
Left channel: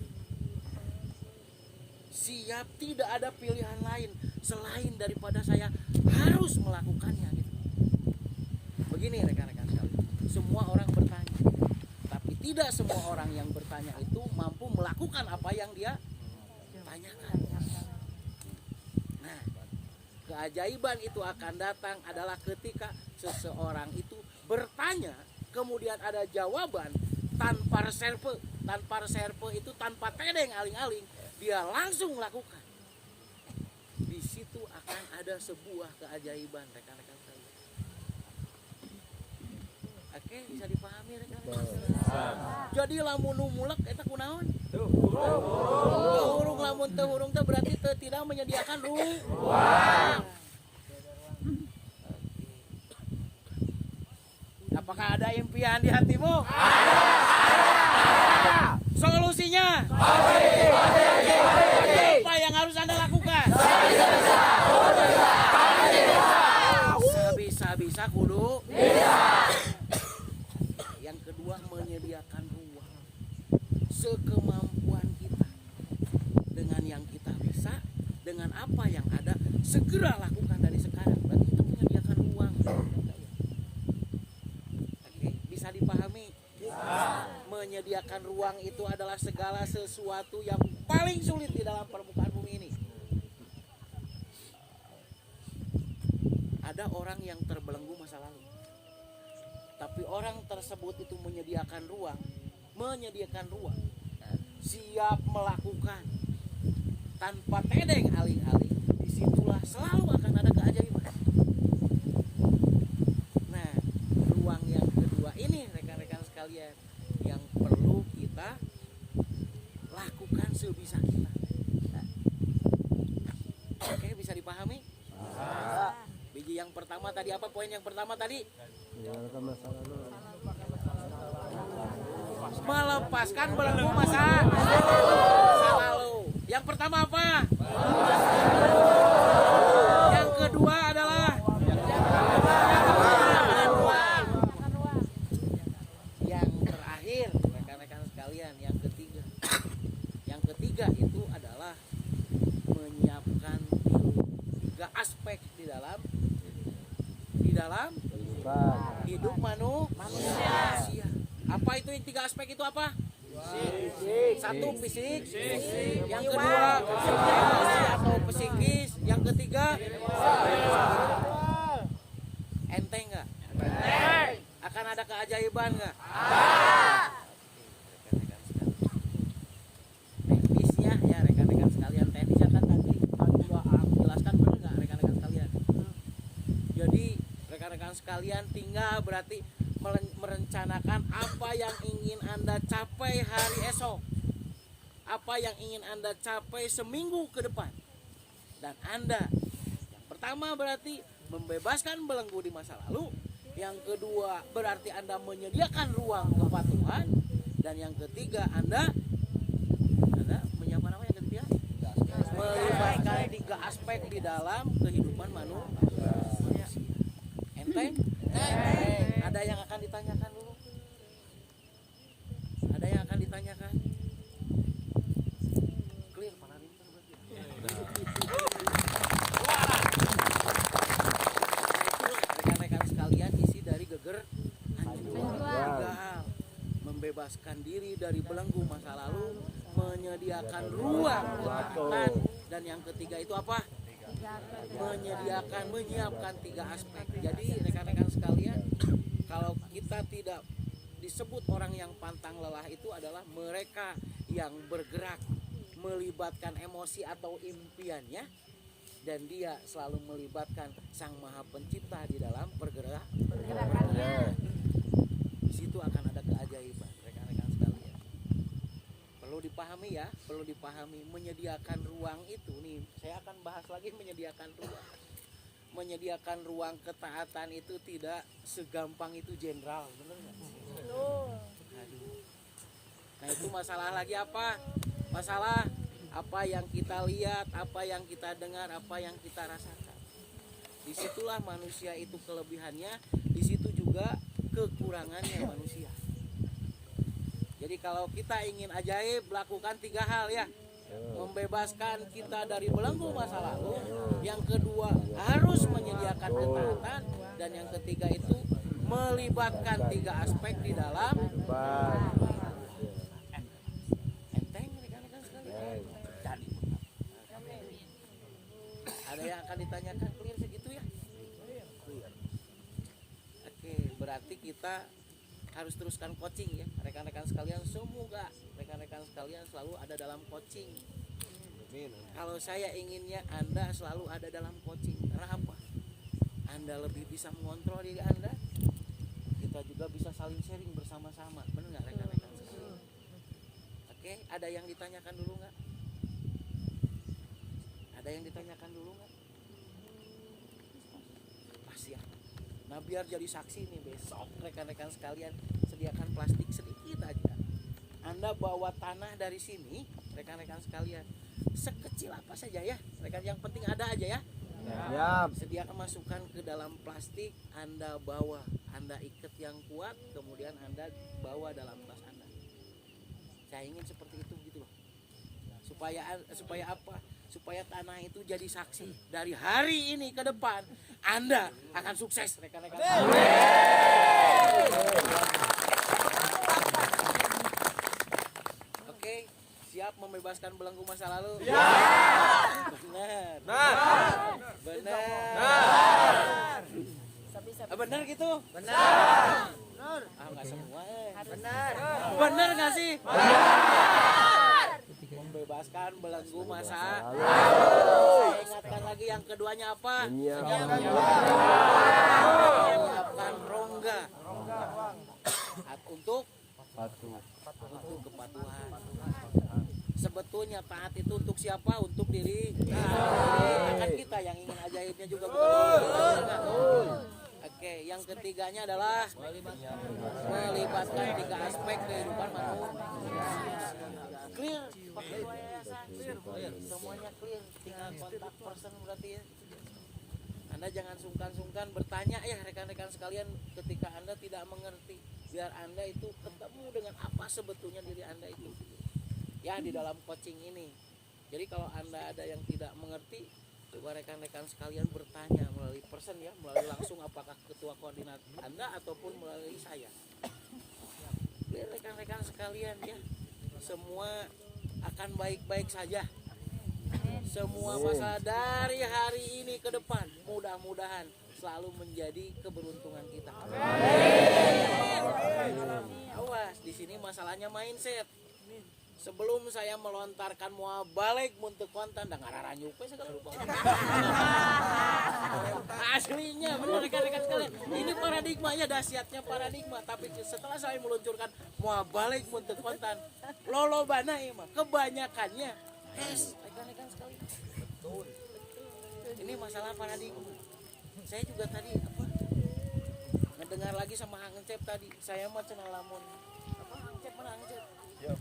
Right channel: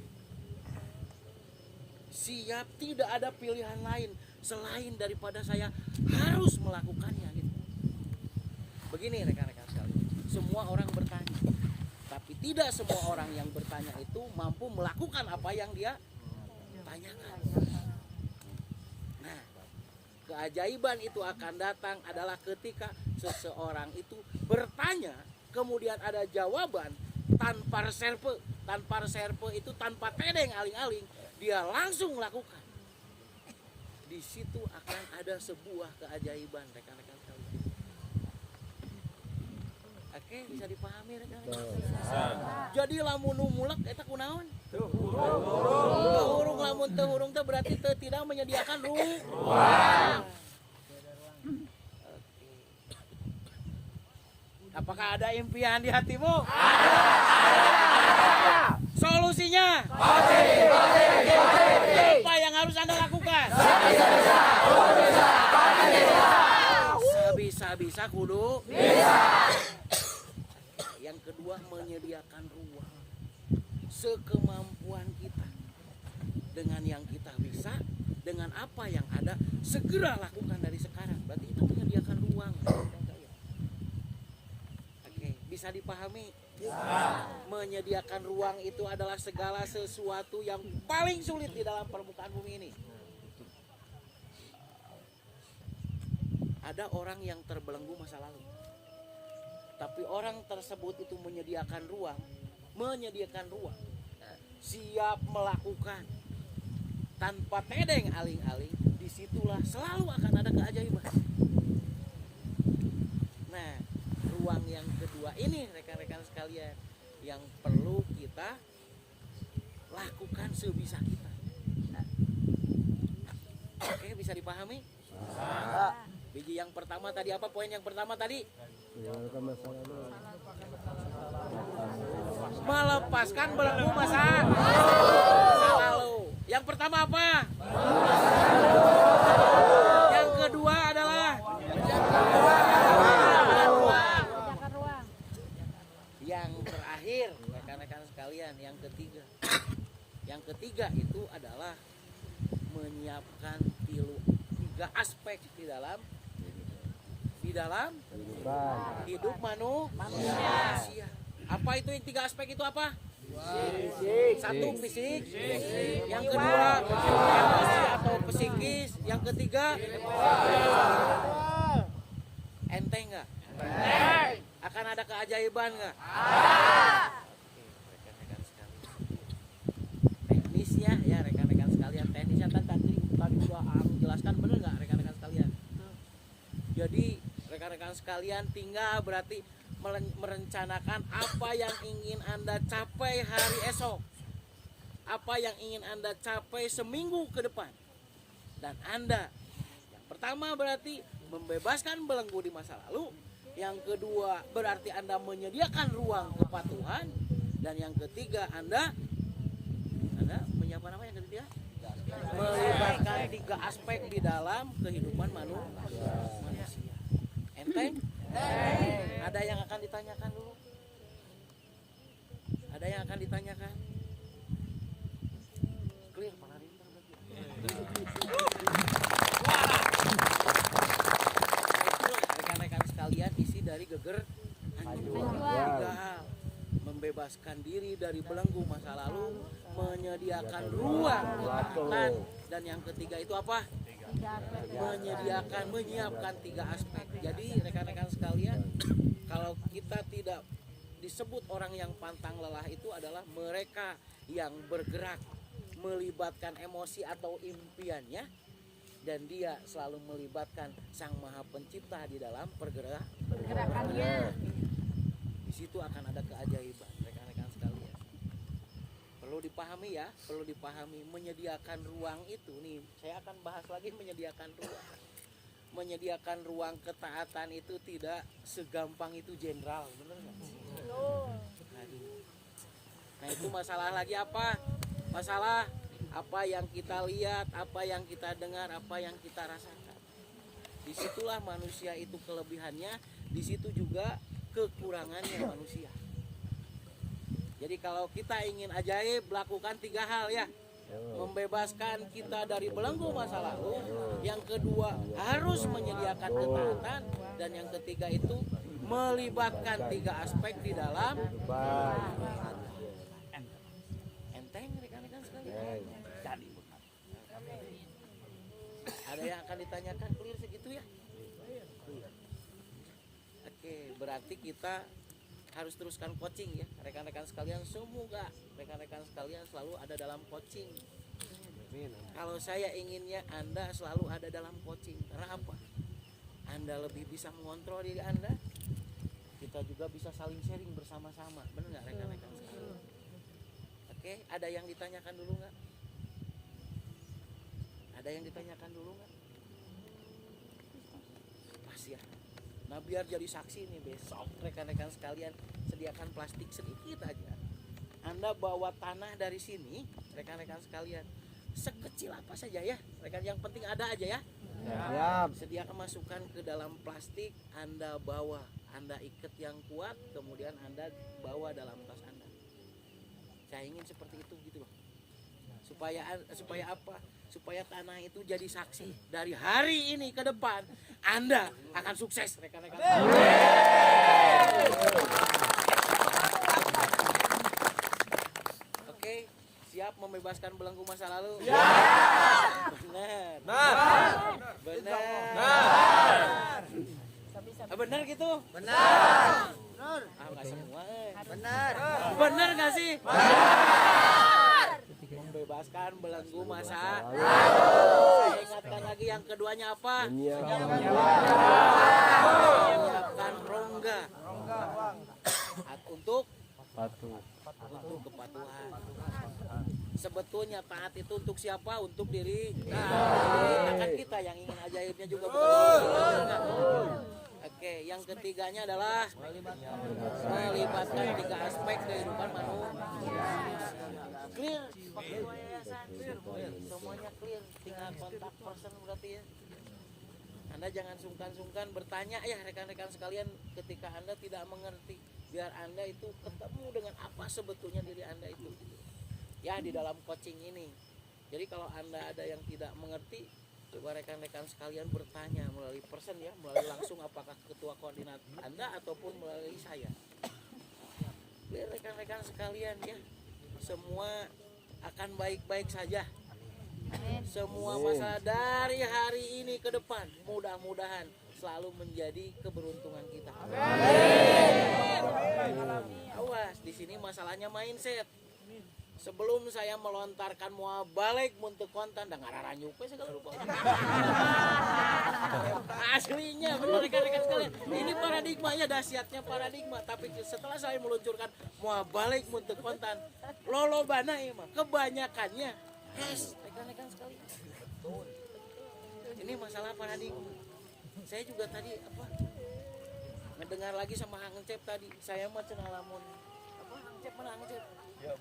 Siap, tidak ada pilihan lain selain daripada saya harus melakukannya gitu. Begini rekan-rekan sekalian, semua orang bertanya, tapi tidak semua orang yang bertanya itu mampu melakukan apa yang dia tanyakan. Nah, keajaiban itu akan datang adalah ketika seseorang itu bertanya, kemudian ada jawaban tanpa reserve. Tanpa reserve itu tanpa tedeng aling-aling, dia langsung lakukan. Di situ akan ada sebuah keajaiban rekan-rekan sekalian. Oke, bisa dipahami rekan-rekan sekalian. Jadi lamun mulek eta kunaon? Teu lamun teu hurung teh berarti tidak menyediakan ruang. Apakah ada impian di hatimu? Ada. Solusinya? Apa yang harus Anda lakukan? Bisa kudu. Yang kedua, menyediakan ruang. Sekemampuan kita. Dengan yang kita bisa, dengan apa yang ada, segera lakukan dari sekarang. Berarti itu menyediakan ruang. Bisa dipahami? Menyediakan ruang itu adalah segala sesuatu yang paling sulit di dalam permukaan bumi ini. Ada orang yang terbelenggu masa lalu, tapi orang tersebut itu menyediakan ruang, siap melakukan tanpa tedeng aling-aling. Disitulah selalu akan ada keajaiban. Nah, ruang yang kedua ini rekan-rekan sekalian yang perlu kita lakukan sebisa kita. Oke, bisa dipahami? Biji yang pertama tadi apa? Poin yang pertama tadi? Melepaskan belenggu masa lalu. Yang pertama apa? Yang kedua adalah sekalian, yang ketiga. Yang ketiga itu adalah menyiapkan tiga aspek di dalam hidup manusia. Apa itu yang tiga aspek itu apa? Satu fisik, yang kedua emosi atau psikis, yang ketiga enteng nggak? Akan ada keajaiban nggak? Rekan-rekan sekalian, teknisnya ya rekan-rekan sekalian, teknisnya kan tadi sudah jelaskan, benar nggak rekan-rekan sekalian? Jadi rekan-rekan sekalian tinggal berarti merencanakan apa yang ingin Anda capai hari esok, apa yang ingin Anda capai seminggu ke depan. Dan Anda yang pertama berarti membebaskan belenggu di masa lalu, yang kedua berarti Anda menyediakan ruang kepatuhan, dan yang ketiga Anda menyiapkan apa yang ketiga? Melibatkan tiga aspek di dalam kehidupan manusia. Enteng? Ada yang akan ditanyakan dulu? Ada yang akan ditanyakan? Clear, para rinter berarti. Nah itulah rekan-rekan sekalian isi dari geger tiga hal. Membebaskan diri dari belenggu masa lalu, menyediakan ruang kepatuhan, dan yang ketiga itu apa? Menyiapkan tiga aspek. Jadi rekan-rekan sekalian, kalau kita tidak disebut orang yang pantang lelah, itu adalah mereka yang bergerak melibatkan emosi atau impiannya, dan dia selalu melibatkan Sang Maha Pencipta di dalam pergerakannya. Di situ akan ada keajaiban, rekan-rekan sekalian. Perlu dipahami ya, perlu dipahami menyediakan ruang itu nih. Saya akan bahas lagi menyediakan ruang. Menyediakan ruang ketaatan itu tidak segampang itu jenderal, bener nggak? Aduh. Nah itu masalah lagi apa? Masalah apa yang kita lihat, apa yang kita dengar, apa yang kita rasakan. Disitulah manusia itu kelebihannya, disitu juga kekurangannya manusia. Jadi kalau kita ingin ajaib, lakukan tiga hal ya. Membebaskan kita dari belenggu masa lalu, yang kedua harus menyediakan ketaatan, dan yang ketiga itu melibatkan tiga aspek di dalam enteng rekan-rekan sekalian. Jadi ada yang akan ditanyakan, clear segitu ya? Oke, berarti kita harus teruskan coaching ya rekan-rekan sekalian. Semoga rekan-rekan sekalian selalu ada dalam coaching. Kalau saya inginnya Anda selalu ada dalam coaching. Karena apa? Anda lebih bisa mengontrol diri Anda, kita juga bisa saling sharing bersama-sama. Benar nggak rekan-rekan sekalian? Oke, ada yang ditanyakan dulu nggak? Ada yang ditanyakan dulu nggak? Pas ya. Nah biar jadi saksi nih besok rekan-rekan sekalian, sediakan plastik sedikit aja. Anda bawa tanah dari sini rekan-rekan sekalian, sekecil apa saja ya rekan, yang penting ada aja ya. Sediakan masukkan ke dalam plastik, Anda bawa, Anda ikat yang kuat, kemudian Anda bawa dalam tas Anda. Saya ingin seperti itu gitu loh. Supaya apa? Supaya tanah itu jadi saksi dari hari ini ke depan Anda akan sukses rekan-rekan. Oke, siap membebaskan belenggu masa lalu? Ya. Benar. Benar gitu? Benar. Nggak semua. Benar nggak sih? Membebaskan belenggu masa lalu. Saya ingatkan lagi yang keduanya apa? Menyiapkan rongga untuk kepatuhan. Sebetulnya taat itu untuk siapa? Untuk diri. Kan kita yang ingin ajaibnya juga bukan kita, benar. Oke, yang ketiganya adalah melibatkan tiga aspek kehidupan manusia. Clear, pakai dua yayasan, semuanya clear, tinggal kontak person berarti ya. Anda jangan sungkan-sungkan bertanya ya rekan-rekan sekalian ketika Anda tidak mengerti. biar Anda itu ketemu dengan apa sebetulnya diri Anda itu ya di dalam coaching ini. Jadi kalau Anda ada yang tidak mengerti, coba rekan-rekan sekalian bertanya melalui person ya, melalui langsung apakah ketua koordinat Anda ataupun melalui saya. Biar rekan-rekan sekalian ya, semua akan baik-baik saja. Semua masalah dari hari ini ke depan mudah-mudahan selalu menjadi keberuntungan kita. Awas, di sini masalahnya mindset. Sebelum saya melontarkan mau balik untuk konten dan ngararanyup segala rupa. Aslinya benar rekan-rekan sekalian. Ini paradigmanya, dahsyatnya paradigma. Tapi setelah saya meluncurkan mau balik untuk konten, lolobana mah kebanyakannya rekan-rekan sekalian. Ini masalah paradigma. Saya juga tadi ngedengar lagi sama Hang Cep tadi. Saya mah cenah lamun Hang Cep mana Hang Cep? Ya,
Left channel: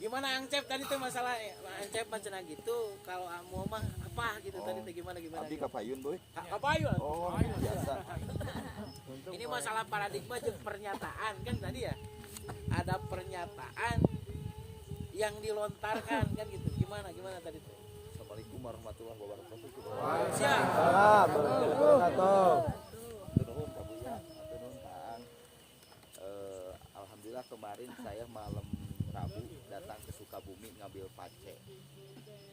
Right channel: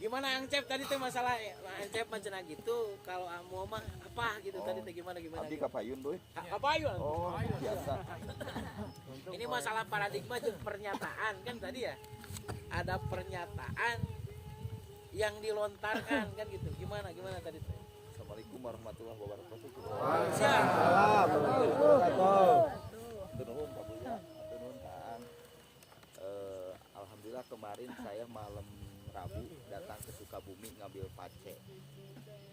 gimana Hang Cep tadi tuh masalah Hang Cep macam gitu. Kalau Amo mah apa gitu tadi tuh gimana? Tadi kapayun boy. Kapayun. Oh, biasa. Ini masalah paradigma jeung pernyataan kan tadi ya. Ada pernyataan yang dilontarkan kan gitu. Gimana tadi tuh? Assalamualaikum warahmatullahi wabarakatuh. Siap. Turun Kak Buya, turun Kang. Alhamdulillah kemarin saya malam Rabu datang ke Sukabumi ngambil pace.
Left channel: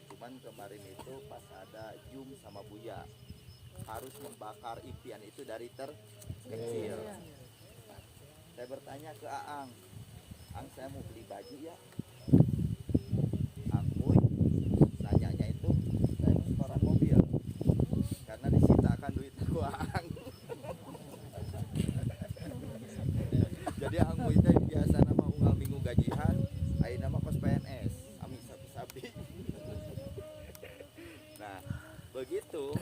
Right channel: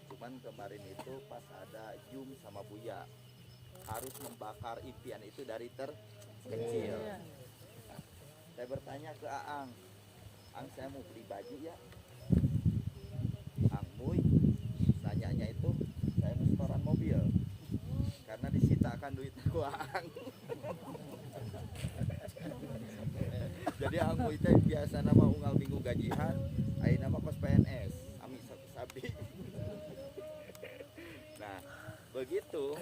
Cuman kemarin itu pas ada Jum sama Buya harus membakar impian itu dari terkecil. Saya bertanya ke Aang, saya mau beli baju ya. Ang Muy nanyanya itu saya mau setoran mobil karena disitakan duit aku Aang. Jadi Ang Muy teh biasa nama unggal minggu gajian, ayeuna nama kos PNS, ami sabi. Nah, begitu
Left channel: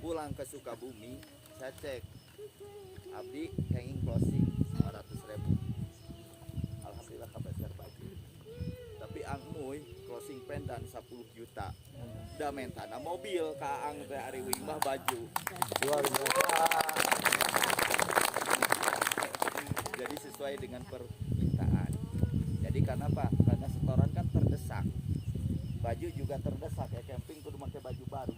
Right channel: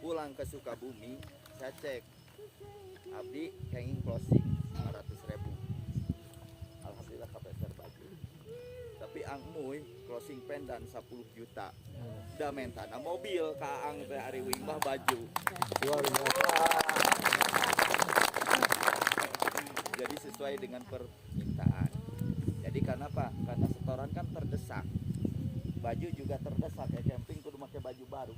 pulang ke Sukabumi, saya cek abdi kenging closing 500.000. Alhamdulillah kabeser baju. Tapi Ang Muy closing pendan 10 juta. Da mentana mobil ka Ang teh ari wimah baju. Luar biasa. Jadi sesuai dengan permintaan. Jadi karena apa? Karena setoran kan terdesak. Baju juga terdesak ya, camping kudu pakai baju baru.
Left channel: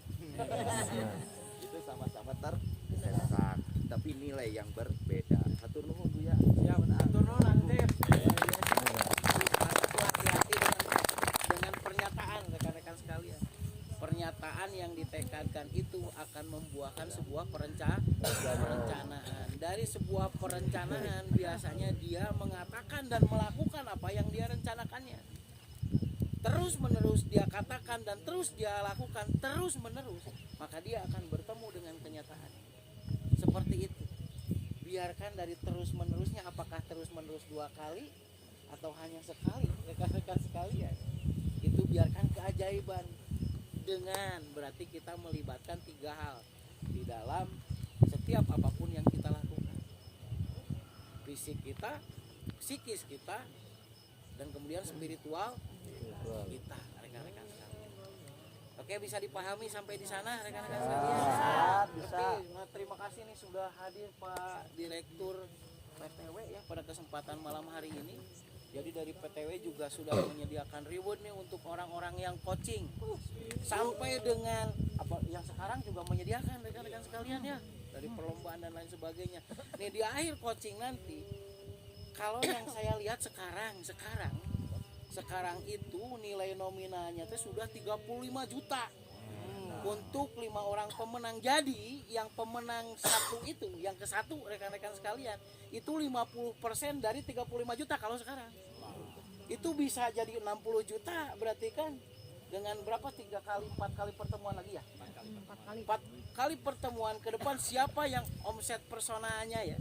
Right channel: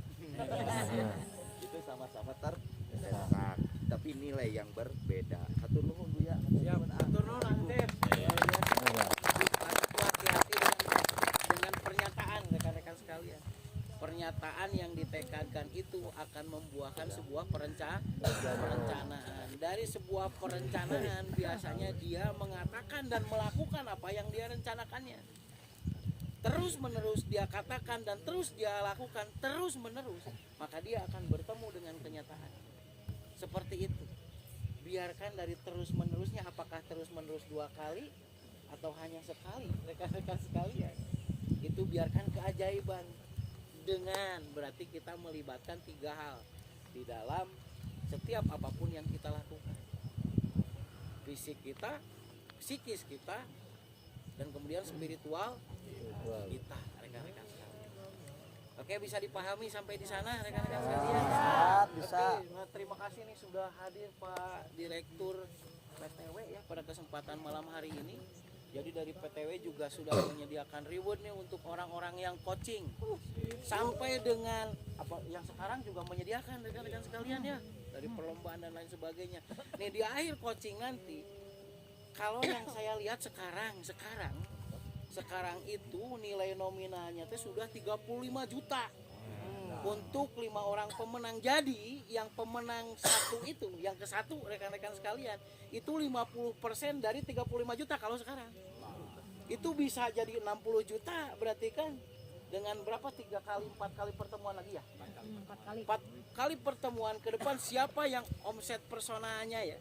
Itu sama-sama terdesak, tapi nilai yang berbeda. Hatur nuhun Bu ya. Siap, hatur nuhun Ang Cep. Hati-hati dengan pernyataan rekan-rekan sekalian. Pernyataan yang ditekadkan itu akan membuahkan sebuah perencanaan. Dari sebuah perencanaan biasanya dia mengatakan dan melakukan apa yang dia rencanakannya. Terus menerus dia katakan dan terus dia lakukan terus menerus, maka dia akan bertemu dengan kenyataan. Seperti itu. Biarkan dari terus menerusnya, apakah terus menerus 2 kali atau hanya sekali, rekan-rekan sekalian. Itu biarkan keajaiban. Dengan berarti kita melibatkan 3 hal di dalam setiap apapun yang kita lakukan. Fisik kita, psikis kita, dan kemudian spiritual kita, rekan-rekan sekalian. Oke, bisa dipahami sampai di sana rekan-rekan sekalian? Bisa. Oke, nah, terima kasih nih sudah hadir Pak Direktur PTW ya pada kesempatan malam hari ini. Jadi dari PTW juga sudah menyediakan reward nih untuk orang-orang yang coaching. Sampai dengan apa yang sekarang juga menyediakan rekan-rekan sekalian ya, dari perlombaan dan lain sebagainya. Nih di akhir coaching nanti, kalau yang saya lihat sekarang itu nilai nominalnya itu sudah 35 juta. Untuk 5 orang pemenang. Jadi yang pemenang satu itu, yang ke satu rekan-rekan sekalian, itu 50% dari 35 juta kalau sekarang. Itu bisa jadi 60 juta, berarti kan dengan berapa 3 kali 4 kali pertemuan lagi ya? 4 kali pertemuan ke depan, siapa yang omset personanya ya?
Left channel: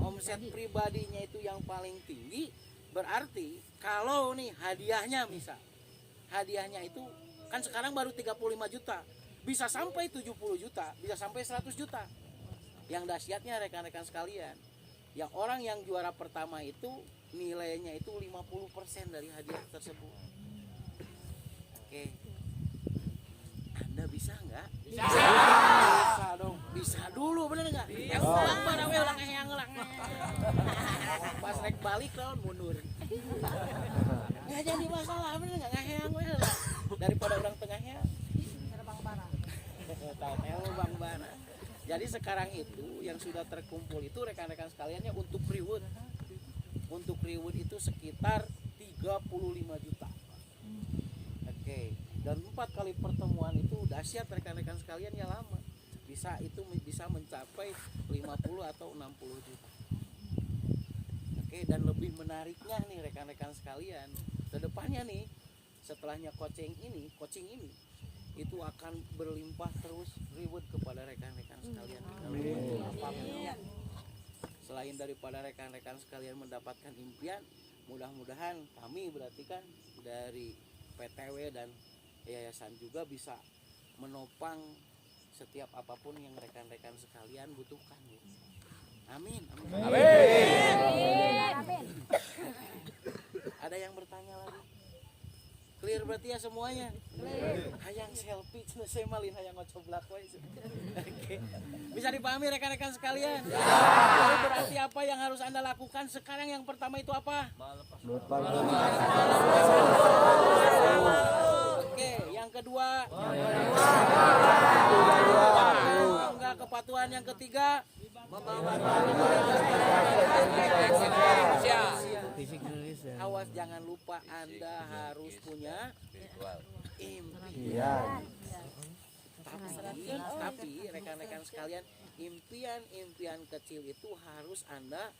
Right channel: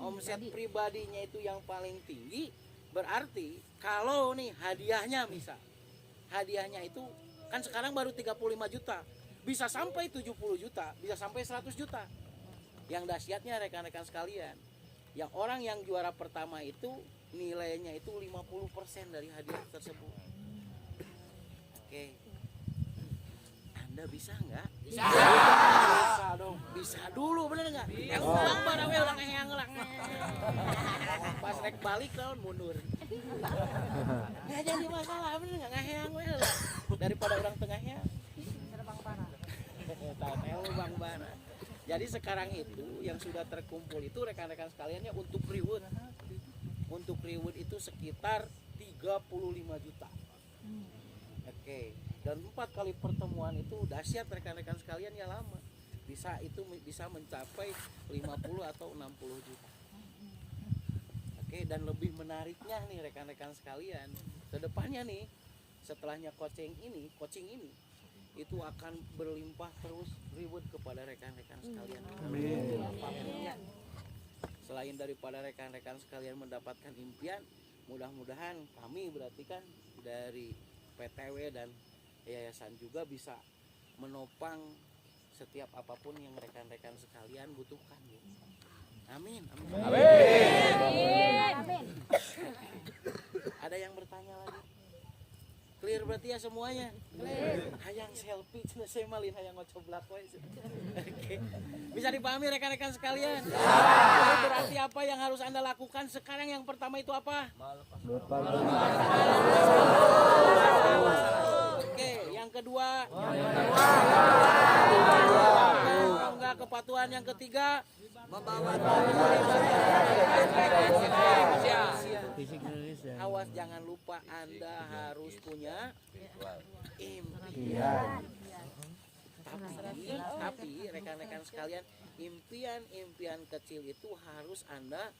Omset pribadinya itu yang paling tinggi, berarti kalau nih hadiahnya misal, hadiahnya itu kan sekarang baru 35 juta, bisa sampai 70 juta, bisa sampai 100 juta. Yang dahsyatnya rekan-rekan sekalian, yang orang yang juara pertama itu nilainya itu 50% dari hadiah tersebut. Oke. Anda bisa nggak? Bisa dong. Bisa dulu, bener nggak? Bang Barawel Pas rek balik lawan mundur. Nggak jadi masalah, bener nggak ngaheang we lah. Daripada orang tengahnya. Tahu Bang Bana. Jadi sekarang itu yang sudah terkumpul itu rekan-rekan sekaliannya untuk reward. Untuk reward itu sekitar 35 juta. Oke. Dan 4 kali pertemuan itu dahsyat rekan-rekan sekalian ya lama. Bisa mencapai 50 atau 60 juta. Oke, dan lebih menariknya nih rekan-rekan sekalian, kedepannya nih setelahnya coaching ini itu akan berlimpah terus reward kepada rekan-rekan sekalian. Apapun ya. Selain daripada rekan-rekan sekalian mendapatkan impian, mudah-mudahan kami berarti kan dari PTW dan yayasan juga bisa menopang setiap apapun yang rekan-rekan sekalian butuhkan gitu. Amin. Ada yang bertanya lagi? Clear berarti ya semuanya? Hayang selfie, saya malin hayang ngocoblak we. Oke. Bisa dipahami rekan-rekan sekalian? Jadi berarti apa yang harus Anda lakukan sekarang? Yang pertama itu apa? Oke, yang kedua enggak kepatuhan, yang ketiga awas jangan lupa Anda harus punya impian. Tapi rekan-rekan sekalian, impian kecil itu harus Anda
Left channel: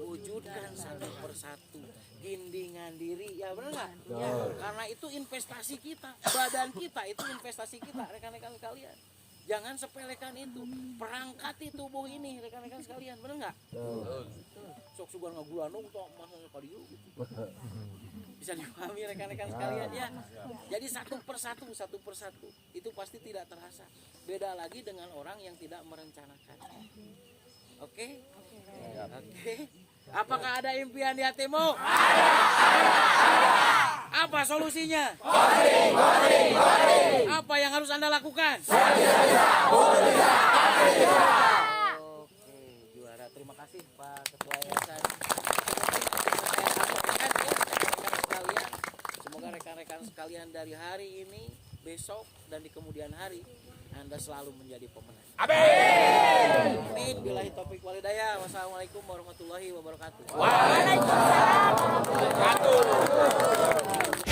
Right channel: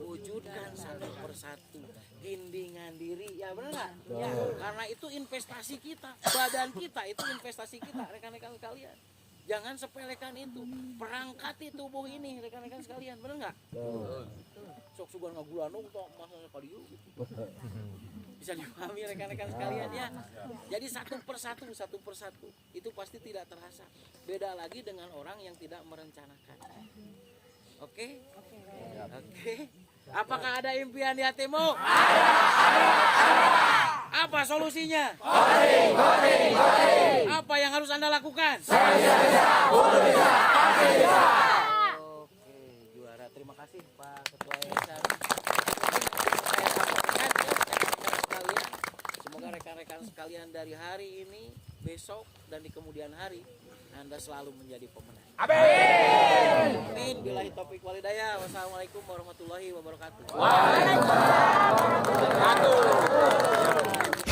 wujudkan satu persatu. Gindingan diri, ya benar nggak? Ya, karena itu investasi kita, badan kita itu investasi kita, rekan-rekan sekalian. Jangan sepelekan itu, perangkati tubuh ini, rekan-rekan sekalian, benar nggak? Sok sugar ngagulanung toh masanya kali gitu. Bisa dipahami rekan-rekan sekalian ya. Jadi satu persatu itu pasti tidak terasa. Beda lagi dengan orang yang tidak merencanakan. Oke? Apakah ada impian di hatimu? Apa solusinya? Apa yang harus Anda lakukan? Oke, juara. Terima kasih Pak Ketua Yayasan. Saya sampaikan ya rekan-rekan sekalian. Semoga rekan-rekan sekalian dari hari ini, besok dan di kemudian hari Anda selalu menjadi pemenang. Amin. Billahi taufiq wal hidayah. Wassalamualaikum warahmatullahi wabarakatuh. Waalaikumsalam warahmatullahi wabarakatuh.